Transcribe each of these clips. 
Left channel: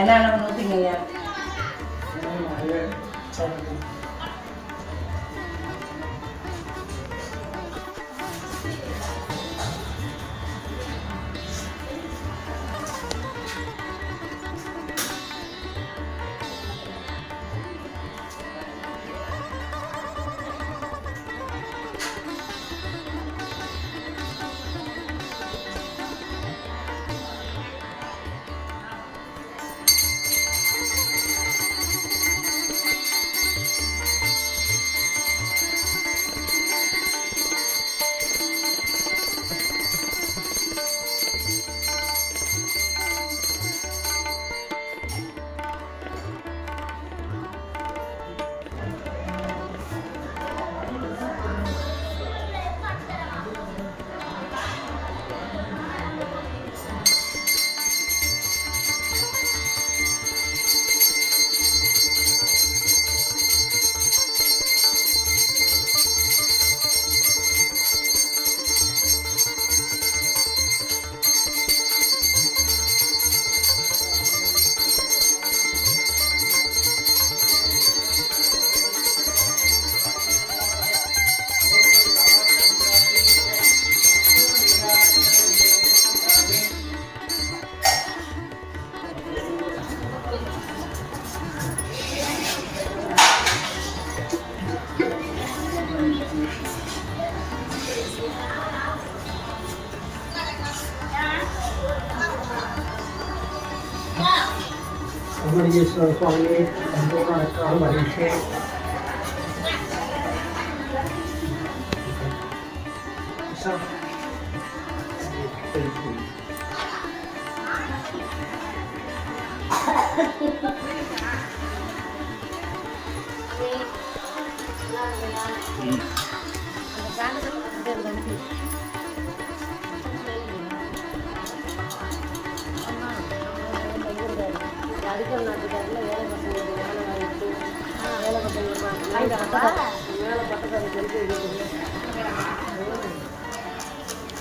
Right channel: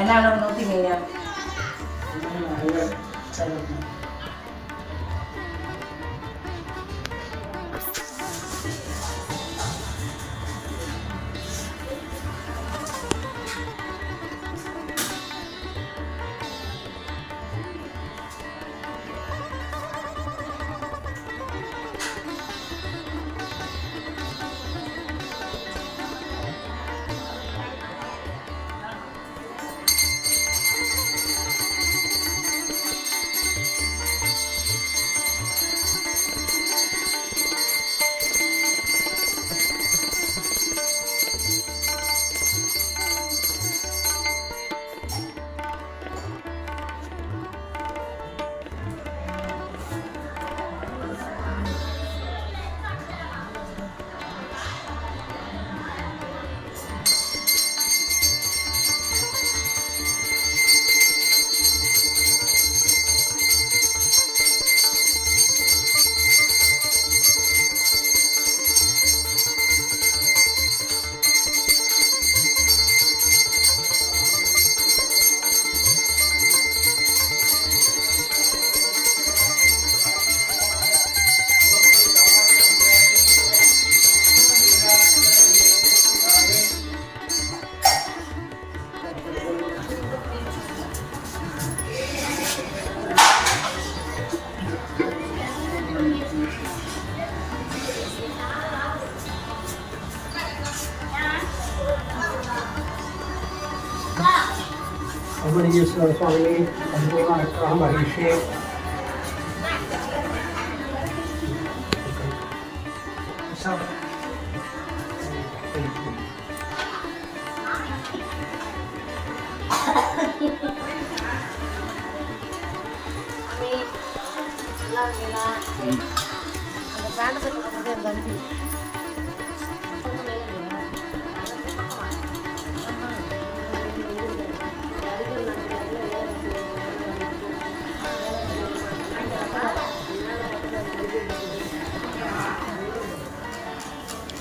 என்ன ஊற்றிங்க. சரி. Suami dan Malaysia.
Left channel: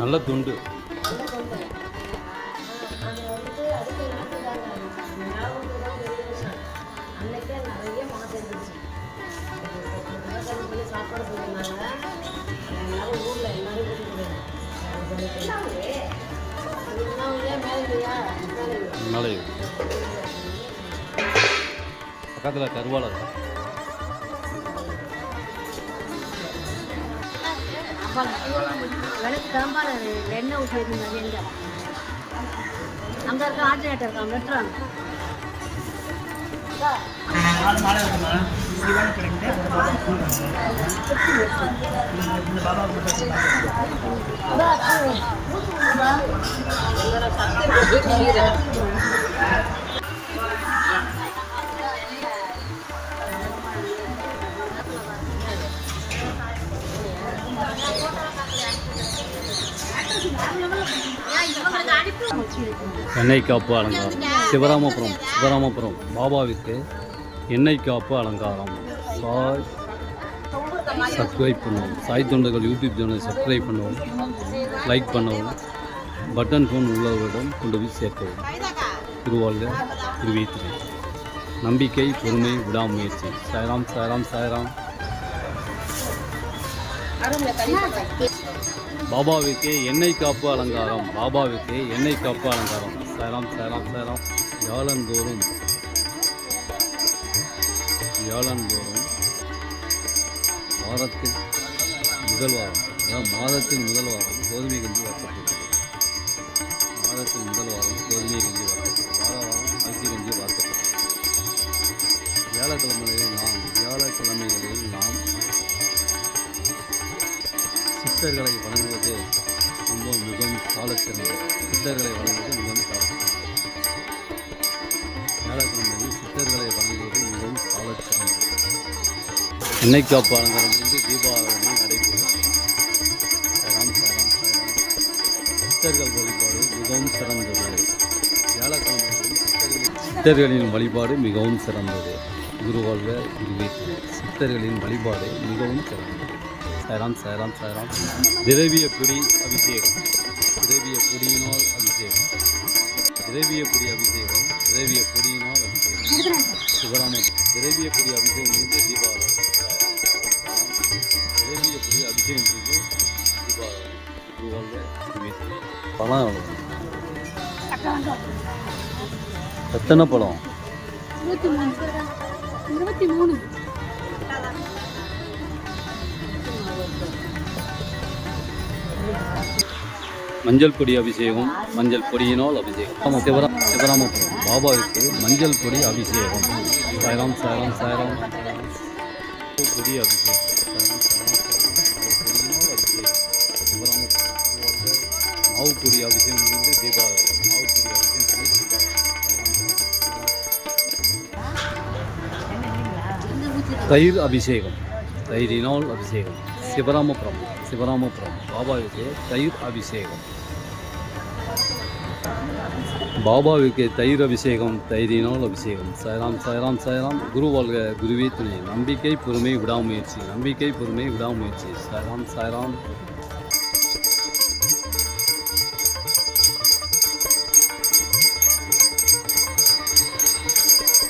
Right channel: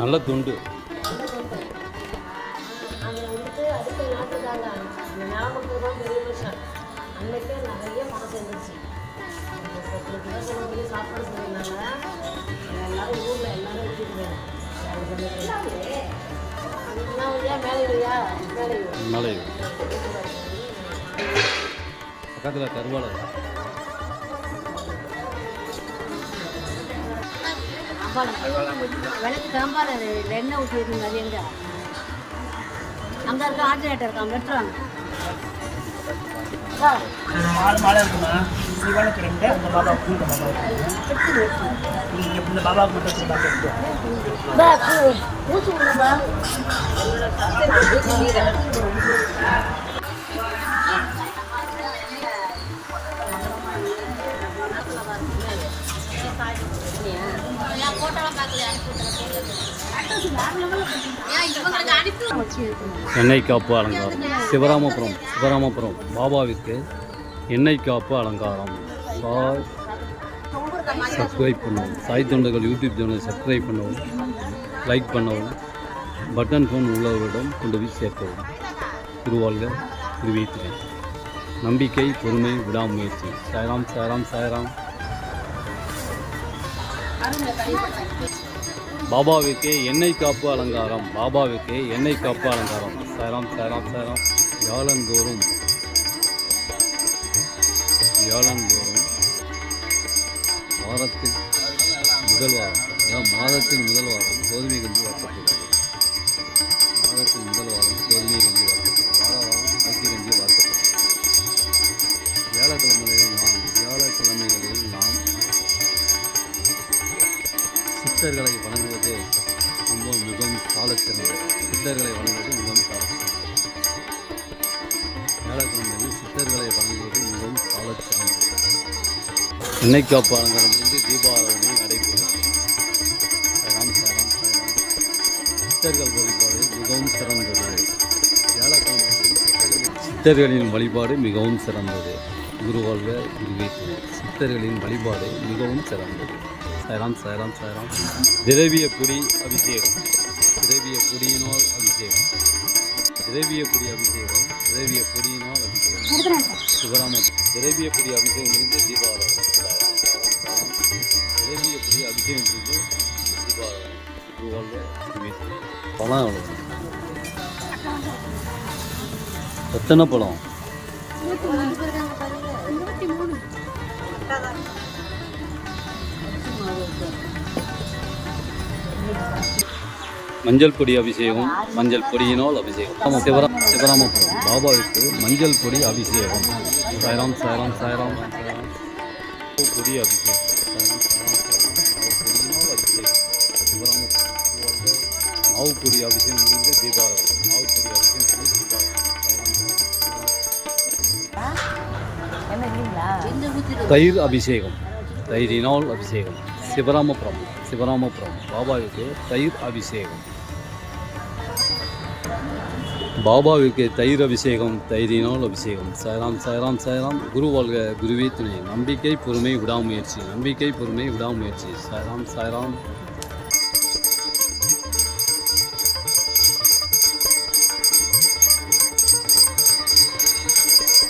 நல்ல துண்டு. பக்கத்தில் கருவாலை எண்ணெய் ஊற்றிருந்தாங்க எங்க அங்கே இருக்க ஆஜராட்ட இருக்காங்க வெட்டுறாங்க. மாலை இருக்குமா வேலை பண்ணிட்டு இந்த பாபா இந்த பாபா எண்ணெய் காப்பு அலங்காரம். சிவராமபுரம் பாபாவிற்கு எண்ணெய் காப்பு அலங்காரம். சப்ஸ்கிரைப் பண்ணவும், சாய் தொண்டர்கள் யூடியூப் சேனலை சப்ஸ்கிரைப் பண்ணவும், லைக் பண்ணவும், பட்டன் ஃபோன் உள்ளவரிடம் கொண்டு போய் சேர்க்கவும். திருவாழ்க திருவீத்திரை. நம்பிக்கை, பொறுமை, விடாமுயற்சி. சாய்ராம் சாய்ராம் சாய்ராம். பாபாவிற்கு எண்ணெய் காப்பு அலங்காரம். பாபாவிற்கு எண்ணெய் காப்பு அலங்காரம். சாய்ராம் சாய்ராம் சாய்ராம். வியாழந்தோறும் வாரத்தில் முதல் வாரம், அதாவது மாதத்தின் முதல் வாரம் கோதுமை கஞ்சி வார்க்கப்படுகிறது. மாதத்தின் முதல் வாரம் கோதுமை கஞ்சி வார்க்கப்படுகிறது. வாரம் அரிசி கஞ்சி வார்க்கப்படுகிறது. வியாழக்கிழமைகளில் நாம் சித்தர்களை வணங்குவது மிகவும் சாலச்சிறந்தது. வியாழக்கிழமையில் சித்தர்களை வணங்குவது மிகவும் சாலச்சிறந்தது. எண்ணெய் காப்பு அலங்காரம் தீபாராதனை நடைபெறுகிறது. சாய்ராம் சாய்ராம் சாய்ராம். சித்தர்கள் வழிபாடு மிகவும் சிறந்தது. வியாழக்கிழமையில் சித்தர்களின் வழிபாடு மிகவும் சிறந்தது. குருவாழ்க குருவேற்று. சித்தர்களின் வழிபாடு மிகவும் சிறந்தது. சாய்ராம் சாய்ராம் சாய்ராம். திரவிய பொடி அபிஷேகம். திரவிய பொடியினால் அபிஷேகம். திரவிய பொடி அபிஷேகம் திரவிய பொடியினால் அபிஷேகம் சிவராமபுரம் திரவிய பொடி அபிஷேகம் முடிந்து தீபாவளி திரவிய பொடி அபிஷேகம் முடிந்து தீபாவளி பழம் எவ்வளோ எத்தனை பழம் 23 மஞ்சள் பொடி அபிஷேகம் மஞ்சள் பொடியினால் அபிஷேகம் சிவராமபுரம் பாபாவிற்கு மஞ்சள் பொடி அபிஷேகம் சாய்ராம் சாய்ராம் சாய்ராம் பொடி அபிஷேகம் பொடியினால் அபிஷேகம் சிவராமபுரம் மாவு பொடி அபிஷேகம் முடிந்து தீபாவளி மாவு பொடி அபிஷேகம் முடிந்து தீபாவளி தயிர் அபிஷேகம் தயிரினால் அபிஷேகம் சிவராமபுரம் பாபாவுக்கு தயிர் அபிஷேகம் பாபாவுக்கு தயிர் அபிஷேகம் தயிரினால் அபிஷேகம் சாய்ராம் சாய்ராம் சாய்ராம் குரு வாழ்க குருவே துணை நம்பிக்கை பொறுமை விடாமுயற்சி சாய்ராம் சாய்ராம்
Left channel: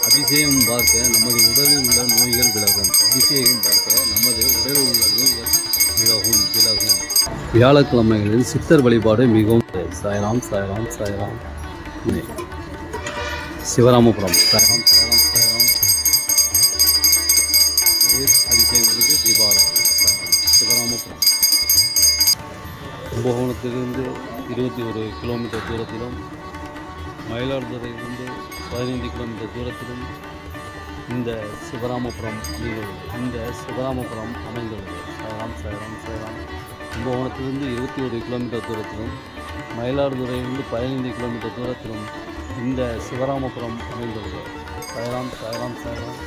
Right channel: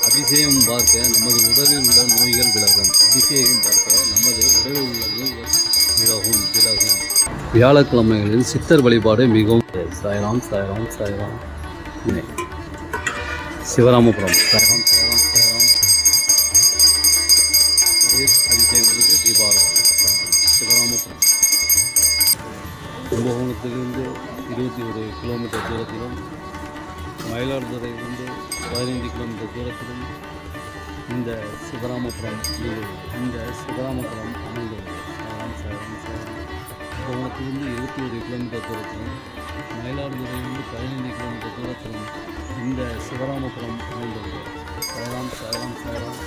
அபிஷேகம் பார்க்க நமது உடலில் உள்ள நோய்கள் விலகும் வியாழக்கிழமைகளில் சித்தர் வழிபாடு மிகவும் சாய்ராம் சாய்ராம் சாய்ராம் சிவராமபுரம் சாய்ராம் சாய்ராம் சாய்ராம் அபிஷேகங்களுக்கு தீபாவளி சிவராமபுரம் கும்பகோணத்திலிருந்து 21 கிலோமீட்டர் தூரத்திலும் மயிலாடுதுறையிலிருந்து 15 கிலோமீட்டர் தூரத்திலும் இந்த சிவராமபுரம் அமைந்துள்ளது சாய்ராம் சாய்ராம் சாய்ராம் கும்பகோணத்திலிருந்து 21 கிலோமீட்டர் தூரத்திலும் மயிலாடுதுறையிலிருந்து 15 கிலோமீட்டர் தூரத்திலும் இந்த சிவராமபுரம் அமைந்துள்ளது சாய்ராம் சாய்ராம் சாய்ராம்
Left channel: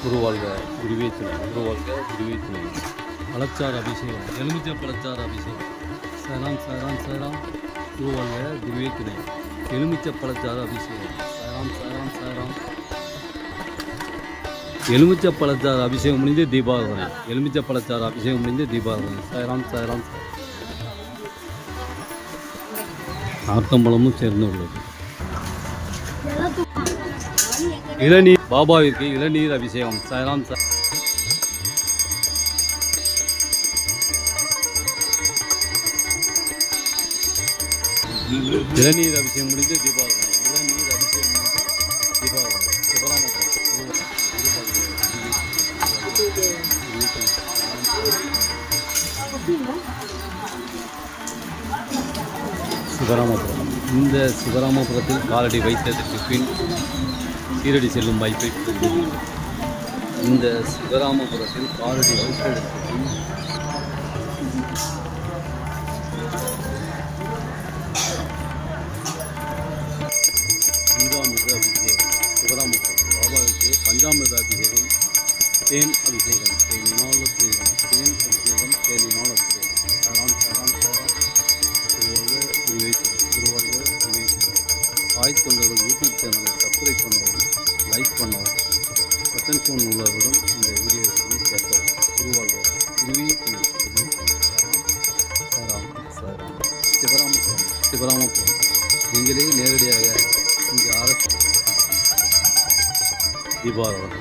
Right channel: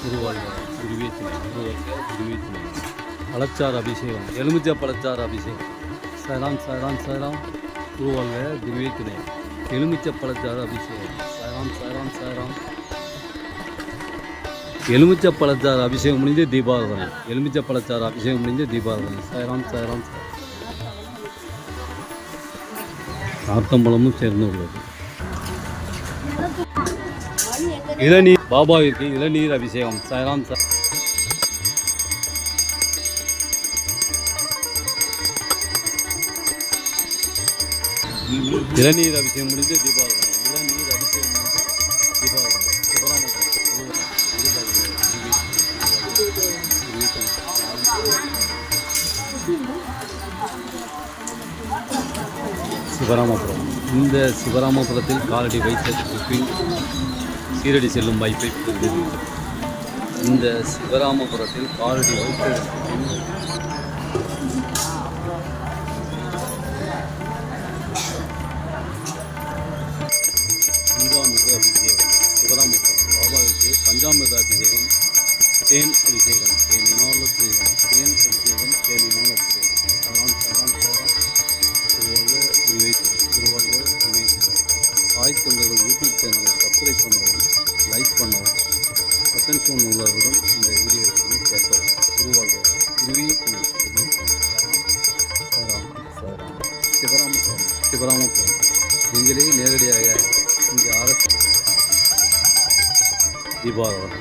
குருவாழ்க குருவே துணை பழச்சாறு அபிஷேகம் எலுமிச்சை பழச்சாறு அபிஷேகம் சாய்ராம் சாய்ராம் சாய்ராம் குருவாழ்க குருவே துணை எலுமிச்சை பழச்சாறு அபிஷேகம் சாய்ராம் சாய்ராம் சாய்ராம் எலுமிச்சை பழச்சாறு அபிஷேகம் முடிந்து தீபாவளி சாய்ராம் சாய்ராம் நார்த்தம்பழமும் சேர்ந்து உள்ளது இளநீர் பாபாவிற்கு இளநீர் அபிஷேகம் சாய்ராம் இளநீர் அபிஷேகம் முடிந்து தீபாவளி சிவராமபுரம் இந்த சிவராமபுரத்தில் காலடி வைத்ததற்கு பின் கீழடி செல்லும் வாய்ப்பை பெறுகிறது இந்த சிவராமபுரத்தில் காலடி வைத்ததற்கு பின் பஞ்சாமிர்த அபிஷேகம் சிவராமபுரம் பாபாவுக்கு பஞ்சாமிர்த அபிஷேகம் தேன் அபிஷேகம் தேனினால் அபிஷேகம் சரணம் சாய் தொண்டர்கள் யூடியூப் சேனலை சப்ஸ்கிரைப் பண்ணவும் லைக் பண்ணவும் பட்டன் ஃபோன் உள்ளவரிடம் இந்த வீடியோவை பேசவும் குருவாழ்க குருவி சிவராமபுரம் நீங்களே நேரடியாக இங்கே தீபாவளி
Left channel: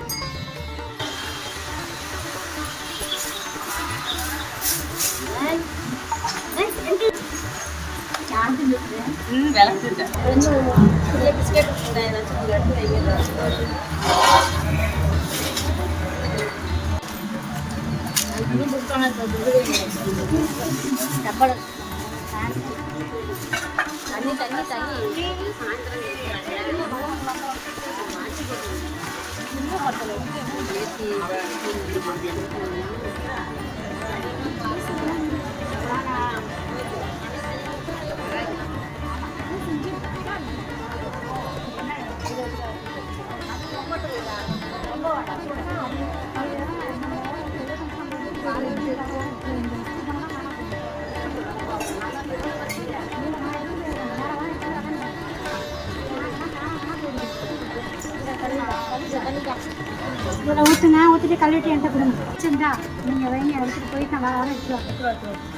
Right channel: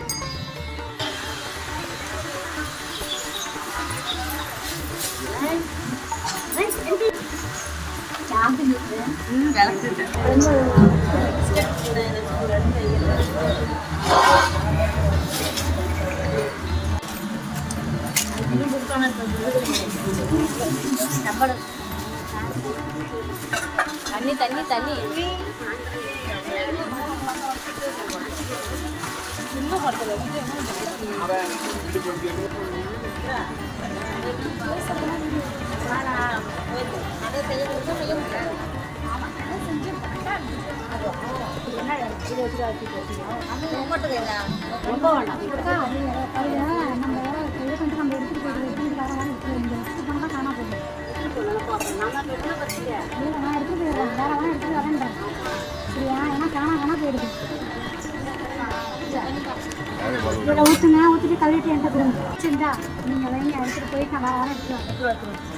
ஊற்றுங்க ஊற்றிட்டு கழுவிட்டு என்கிட்ட கொடுங்க சரிங்களா நீங்கள் எடுத்துகிட்டு போய் நான் வர எடுத்துட்டு